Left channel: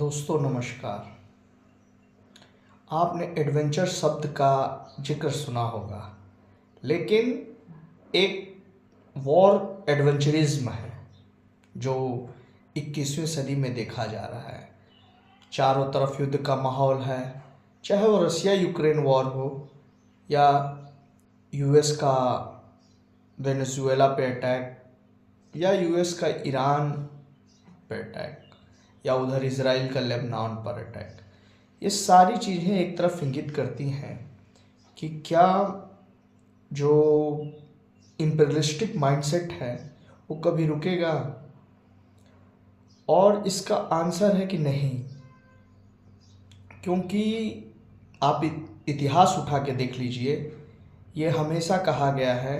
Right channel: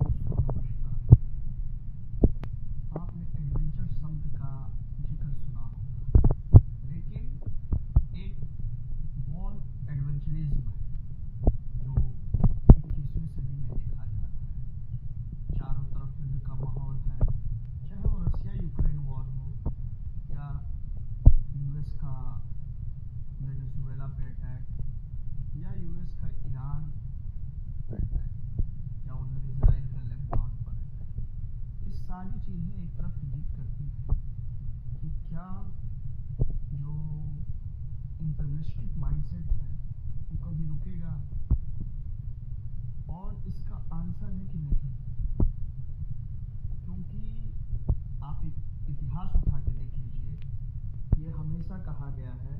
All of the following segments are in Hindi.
दोस्तों नमस्कार। आपने एडवेंचर शब्द का जिक्र सुना होगा, लेकिन एक वॉर एडवेंचरिज्म है जो 21वीं सदी में देखा जा रहा है। चारों तरफ युद्ध का माहौल है, चाहे वो रसिया यूक्रेन वॉर हो या यूएस का वेनेजुएला पे अटैक या यूएस का ईरान पे अटैक या उधर इजराइल का लेबनान पर अटैक। ये सारी चीज़ें एक तरफ इंगित करती हैं कि क्या जो इम्पेरियलिस्टिक माइंडसेट है वो कभी रुकेगा, और इसका आंसर है कि नहीं। क्योंकि आप इतिहास उठा के देख लीजिए, ये हमेशा कहा गया है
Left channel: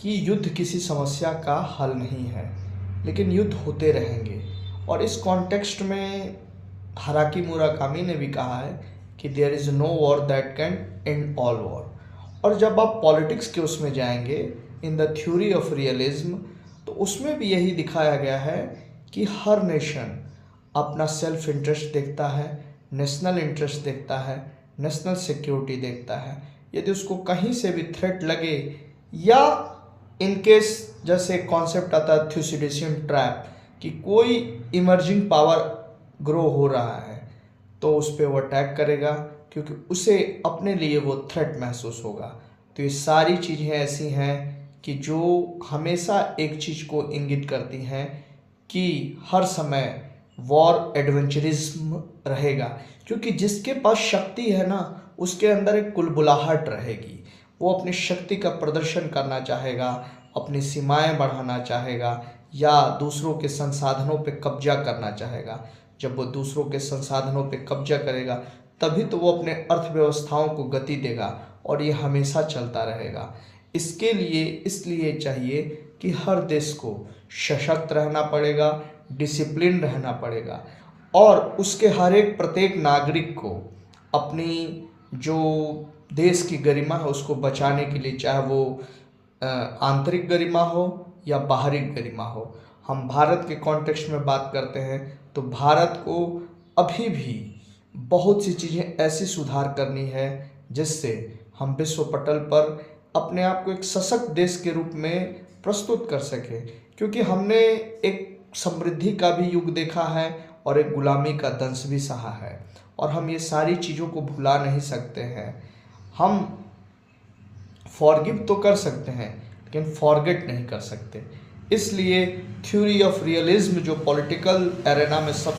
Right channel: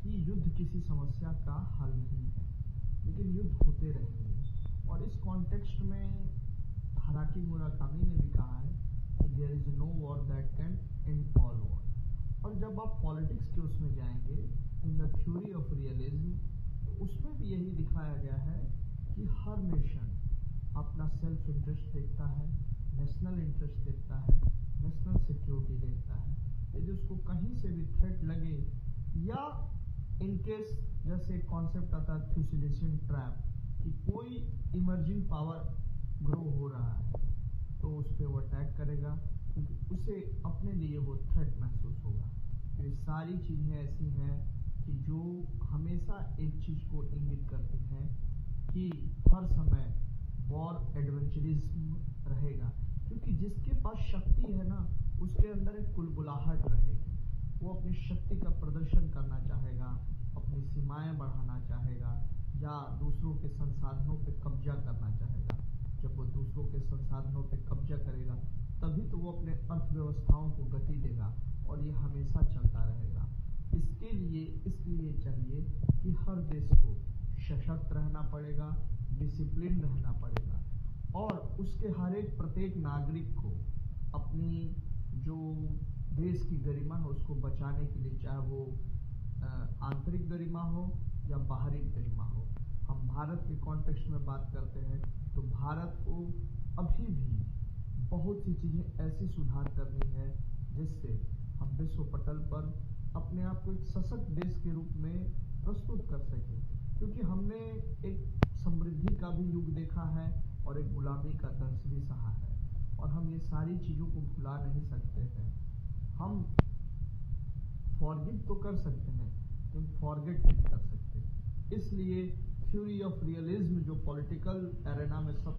कि युद्ध किसी समस्या का हल नहीं है, लेकिन युद्ध होते रहेंगे। और इस कॉन्टेक्स्ट में हाराकी मुराकामी ने भी कहा है कि there is no war that can end all war. और जब आप पॉलिटिक्स के उसमें जाएंगे, in the theory of realism, तो उसमें भी यही दिखाया गया है कि हर नेशन अपना सेल्फ इंटरेस्ट देखता है, नेशनल इंटरेस्ट देखता है, नेशनल सिक्योरिटी देखता है। यदि उसको कहीं से भी थ्रेट लगे या इनकेस जैसे कॉन्सेप्ट आता है थ्यूसिडिशियन ट्रैप कि कोई इमर्जिंग पावर ग्रो हो रहा है, तो उस पर वो अटैक करेगा, क्योंकि उसे अपने लिए वो थ्रेट महसूस होगा। तो ये सारी चीज़ें ऐसी हैं कि जो हमेशा एक चीज़ को इंगित करती हैं कि हर समय वॉर एडवेंचरिज्म रहेगा, क्योंकि जिसके पास शक्ति है ना, उसके अंदर एक कुलबुलाहट रहेगी। वो अपनी शक्ति का प्रदर्शन करना चाहेगा, अपनी सीमाएं बढ़ाना चाहेगा या दूसरों के संसाधनों पे कब्जा करना चाहेगा। जब वो दूसरों के संसाधनों पे कब्जा करेगा, तभी तो वो अपने अर्थव्यवस्थाओं को गति देगा, और ये हमेशा चलता रहेगा। इसके लिए इसलिए चाहिए कि हर देश को सशक्त रहना पड़ेगा, डिसिप्लिन रहना पड़ेगा, और उसके हर एक प्रत्येक नागरिक को अपनी जो देश की गरिमा है उसको बचाने के लिए, चाहे वो आंतरिक गरिमा हो या बाहरी गरिमा हो। हम भारत के कॉन्टेक्स्ट में बात करते हैं तो भारत को अभी भी बहुत सी चीज़ें ऐसी सुधार करनी है जिससे हम विश्व पटल पर अपने आप को एक सशक्त देश के रूप में प्रस्तुत कर सकें। क्योंकि हमने एक समृद्धि का भी युग देखा है और एक गुलामी का दंश भी सहा है, और हम ये सारी चीज़ों को भुला नहीं सकते हैं। हम फॉरगिव तो कर सकते हैं, लेकिन फॉरगेट नहीं कर सकते। इसलिए थ्योरी ऑफ रियलिज्म जो पॉलिटिकल एरेना में सब